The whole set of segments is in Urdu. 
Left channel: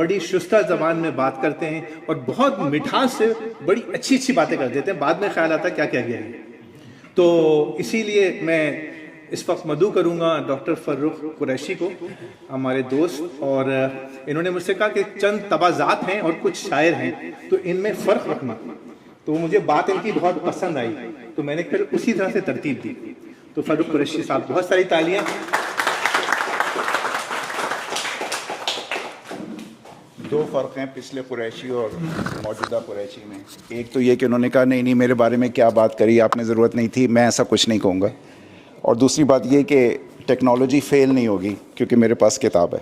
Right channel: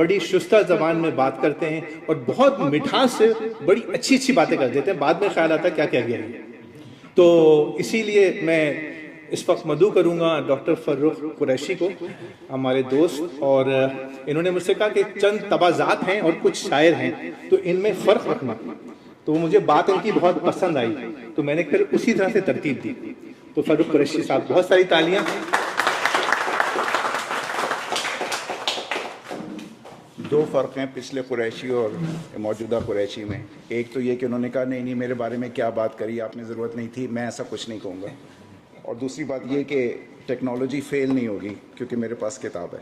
بڑی شستہ زبان میں بات کرتے ہیں اور بہت مٹھاس سے بڑی اچھی اچھی باتیں کر دیتے ہیں، بعد میں خیال آتا ہے کیا کیا گیا ہے۔ تو اسی لیے میں اس وقت مدعو کروں گا ڈاکٹر فرخ قریشی کو، ہمارے دوست، اور انہوں نے مجھ سے کہا کہ چند تبازات ہیں اور کچھ شاعر ہیں تو ان میں فرق رکھنا، تو مجھے بات ان کی بہت پسند آئی تو میں نے پھر اسی طرح سے ترتیب دی۔ تو فرخ قریشی صاحب، بہت ساری تالیاں۔ دو فرق ہیں پچھلے قریشی اور موجودہ قریشی میں۔ ایک تو یہ کہ انہوں نے کہا نہیں میرے بارے میں کیا بات کری آپ نے، ضرورت نہیں تھی، میں ایسا کچھ نہیں کہوں گا۔ اور دوسری بات یہ کہ ٹیکنالوجی فیل نہیں ہوگی کیونکہ میرے پاس کتاب ہے۔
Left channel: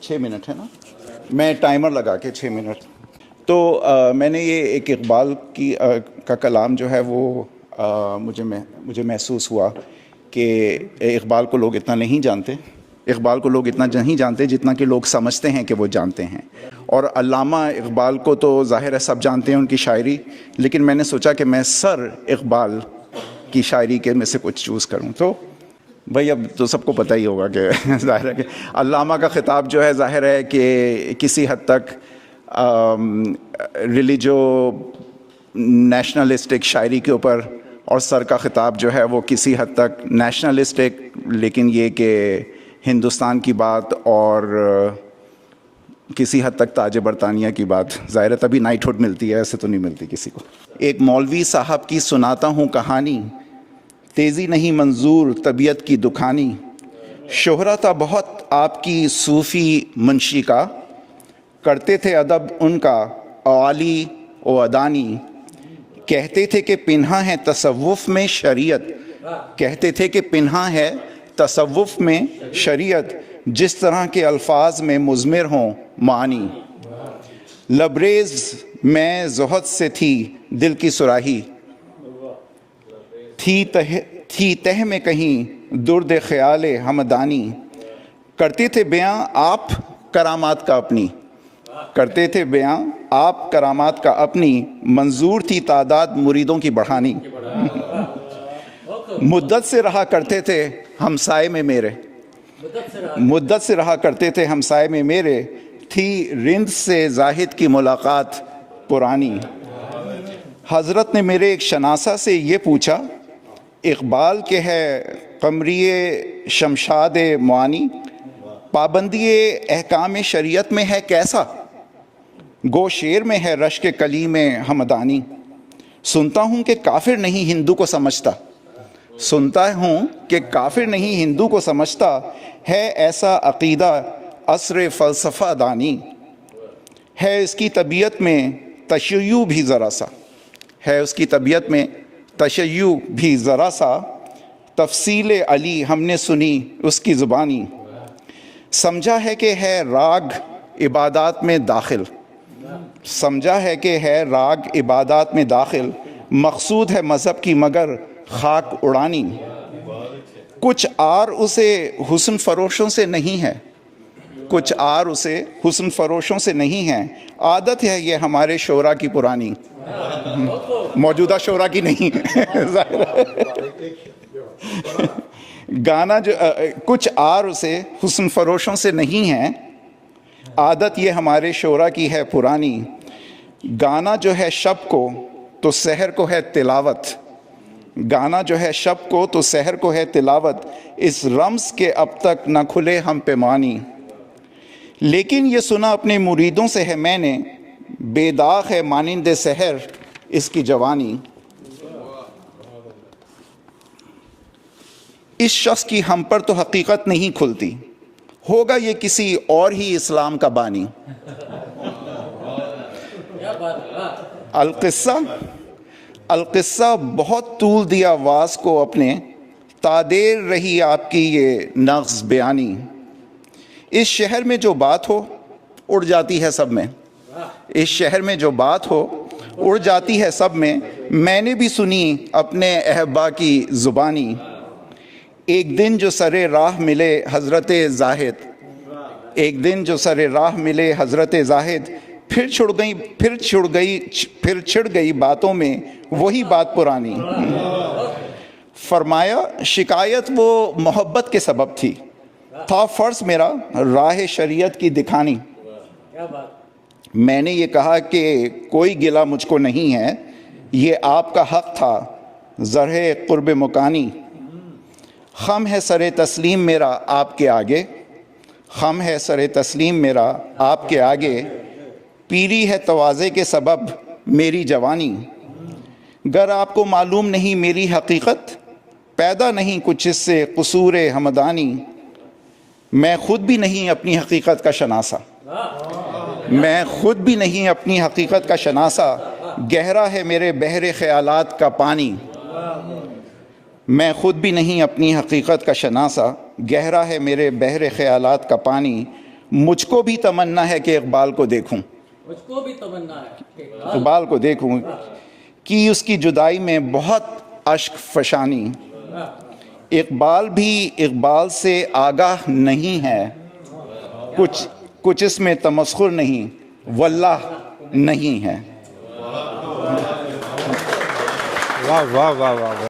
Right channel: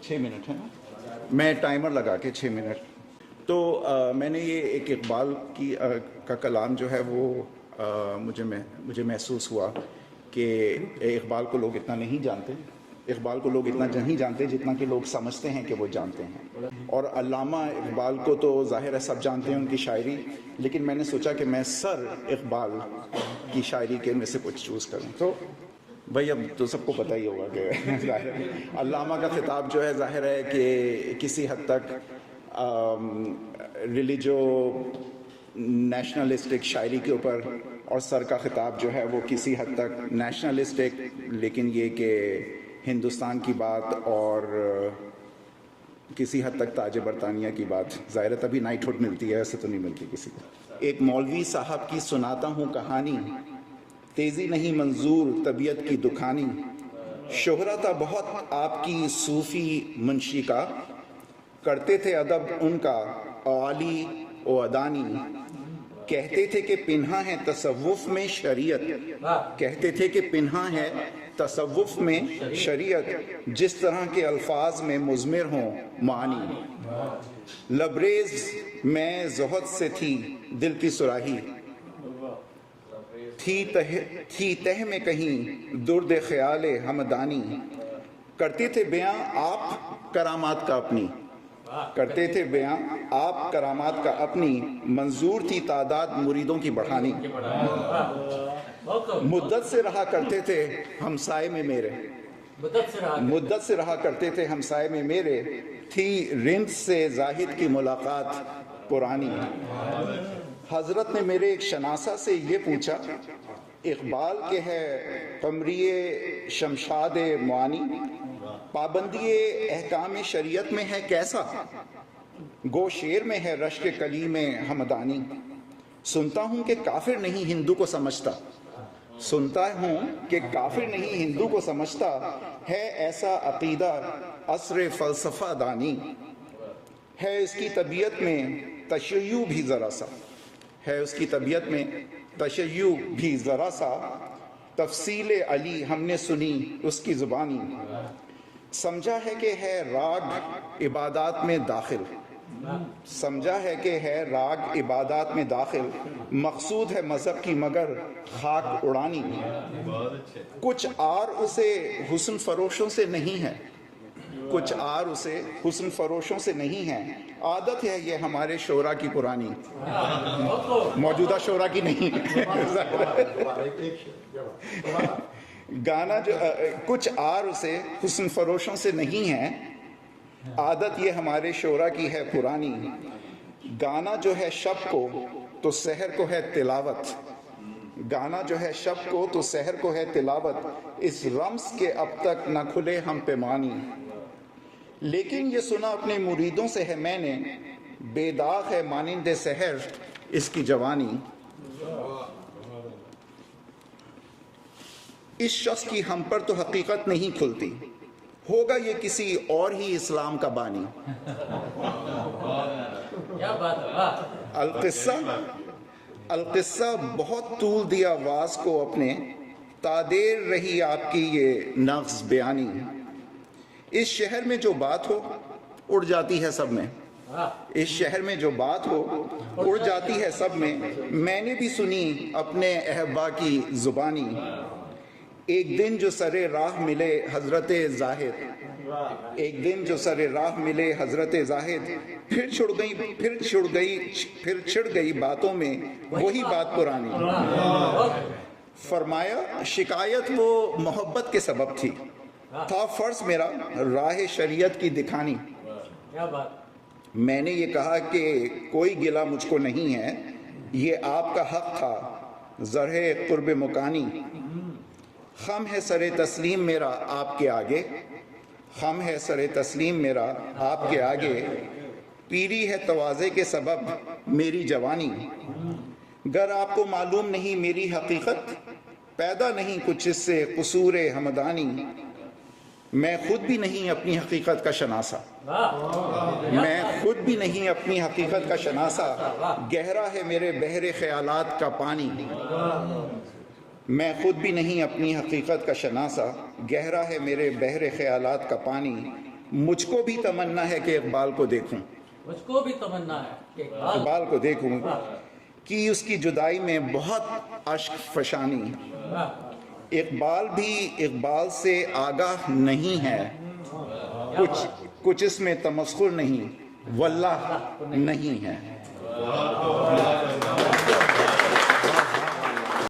6 منٹ ہے نا، میں ٹائمر لگا کے 6 منٹ۔ تو میں نے یہ ایک اقبال کا کلام جو ہے وہ مجھے محسوس ہوا کہ اقبال کو لوگ اتنا نہیں جانتے، اقبال کو لوگ اتنا نہیں جانتے جتنا کہ لوگ سمجھتے ہیں کہ وہ جانتے ہیں۔ اور علامہ اقبال کو تو ظاہر ہے سب جانتے ہیں ان کی شاعری، لیکن میں نے سوچا کہ میں سر اقبال کی شاعری کے میں سے کچھ چوز کروں۔ تو بھائی اب تو سب کو پتہ ہی ہوگا کہ ظاہر ہے کہ علامہ کا خطاب جو ہے ظاہر ہے کہ کسی حد تک ریلیجو نیشنلسٹک شاعری کے اوپر، اور سر کا خطاب جو ہے وہ کسی حد تک نیشنلسٹک، لیکن یہ کہ ہندوستان کی بات اور کسی حد تک تاج برطانیہ کی بات، ظاہر ہے تبھی نائٹ ہوڈ ملتی ہے، ایسے تو نہیں ملتی کسی کو۔ ایک مولوی صاحب کی سناتا ہوں کہانی، تیزی نہیں منظور طبیعت کی دکھانی، شہرہ تھا بہت آپ کی صوفی منشی کا، کرتے تھے ادب ان کا عالی و ادانی، کہتے تھے کہ پنہا ہے تصوف میں شریعت، کہتے تھے کہ پنہا ہے تصوف میں شریعت، جس طرح کے الفاظ میں مضمر ہوں معانی، لبریز میں زہد سے تھی دل کی سراہی، تھی تہ میں کہیں درد خیال ہمدانی، کرتے تھے بیاں آپ کرامات کا اپنی، کرتے تھے بیاں آپ کرامات کا اپنی، منظور تھی تعداد مریدوں کی بڑھانی، مدت سے رہا کرتے تھے ہمسائے میں میرے، مدت سے رہا کرتے تھے ہمسائے میں میرے، تھی رند سے زاہد کی ملاقات پرانی، حضرت نے میرے ایک شناسہ سے یہ پوچھا، اقبال کے ہے قمری شمشاد معانی، پابندی احکام شریعت میں ہے کیسا، گو شیر میں ہے رشک کلیم ہمدانی، سنتا ہوں کہ کافر نہیں ہندو کو سمجھتا، سنتا ہوں کہ کافر نہیں ہندو کو سمجھتا، ہے ایسا عقیدہ عصر فلسفہ دانی، ہے اس کی طبیعت میں تشیع بھی ذرا سا، ہے اس کی طبیعت میں تشیع بھی ذرا سا، تفصیل علی ہم نے سنی اس کی زبانی، سمجھا ہے کہ ہے راگ عبادات میں داخل، سمجھا ہے کہ ہے راگ عبادات میں داخل، مقصود ہے مذہب کی مگر خاک اڑانی، کچھ آر اسے حسن فروشوں سے نہیں ہے، کچھ آر اسے حسن فروشوں سے نہیں ہے، عادت ہے یہ ہمارے شعراء کی پرانی، موجودہ شعراء کی نہیں، گانا جو کچھ آر اسے حسن فروشوں سے نہیں ہے، عادت یہ ہمارے شعراء کی ہے پرانی، گانا جو ہے شب کو تو سحر کو ہے تلاوت، گانا جو ہے شب کو تو سحر کو ہے تلاوت، اس رمز کے اب تک نہ کھلے ہم پیمانی، لیکن یہ سنا اپنے مریدوں سے ہے میں نے، بے داغ ہے مانند سحر اس کی جوانی، اس شخص کی ہم پر تو حقیقت نہیں کھلتی، ہوگا یہ کسی اور ہی اسلام کا بانی، القصہ بہت طول دیا واز کو اپنے، تادیر رہی آپ کی یہ نغز بیانی، اس شہر میں جو بات ہو اڑ جاتی ہے سب میں، اس شہر میں جو بات ہو اڑ جاتی ہے سب میں نے بھی سنی اپنے احبا کی زبانی، ایک دن جو سر راہ ملے حضرت زاہد، ایک دن جو سر راہ ملے حضرت زاہد، پھر چھڑ گئی باتوں میں وہی بات پرانی، فرمایا شکایت وہ محبت کے سبب تھی، تھا فرض میرا راہ شریعت کی دکھانی، میں نے یہ کہا کہ کوئی گلہ مجھ کو نہیں ہے، یہ آپ کا حق تھا زرہ قرب مکانی، خم ہے سر تسلیم میرا آپ کے آگے، خم ہے سر تسلیم میرا آپ کے آگے، پیری ہے تواضع کے سبب میری جوانی، گر آپ کو معلوم نہیں میری حقیقت، پیدا نہیں کچھ اس سے قصور ہمدانی، میں خود بھی نہیں اپنی حقیقت کا شناسا، میں خود بھی نہیں اپنی حقیقت کا شناسا، گہرا ہے میرے بحر خیالات کا پانی، میں خود بھی نہیں اپنی حقیقت کا شناسا، گہرا ہے میرے بحر خیالات کا پانی، مجھ کو بھی تمنا ہے کہ اقبال کو دیکھوں، مجھ کو بھی تمنا ہے کہ اقبال کو دیکھوں، کی اس کی جدائی میں بہت اشک فشانی، اقبال بھی اقبال سے آگاہ نہیں ہے، کچھ اس میں تمسخر نہیں واللہ نہیں ہے۔ واہ واہ واہ واہ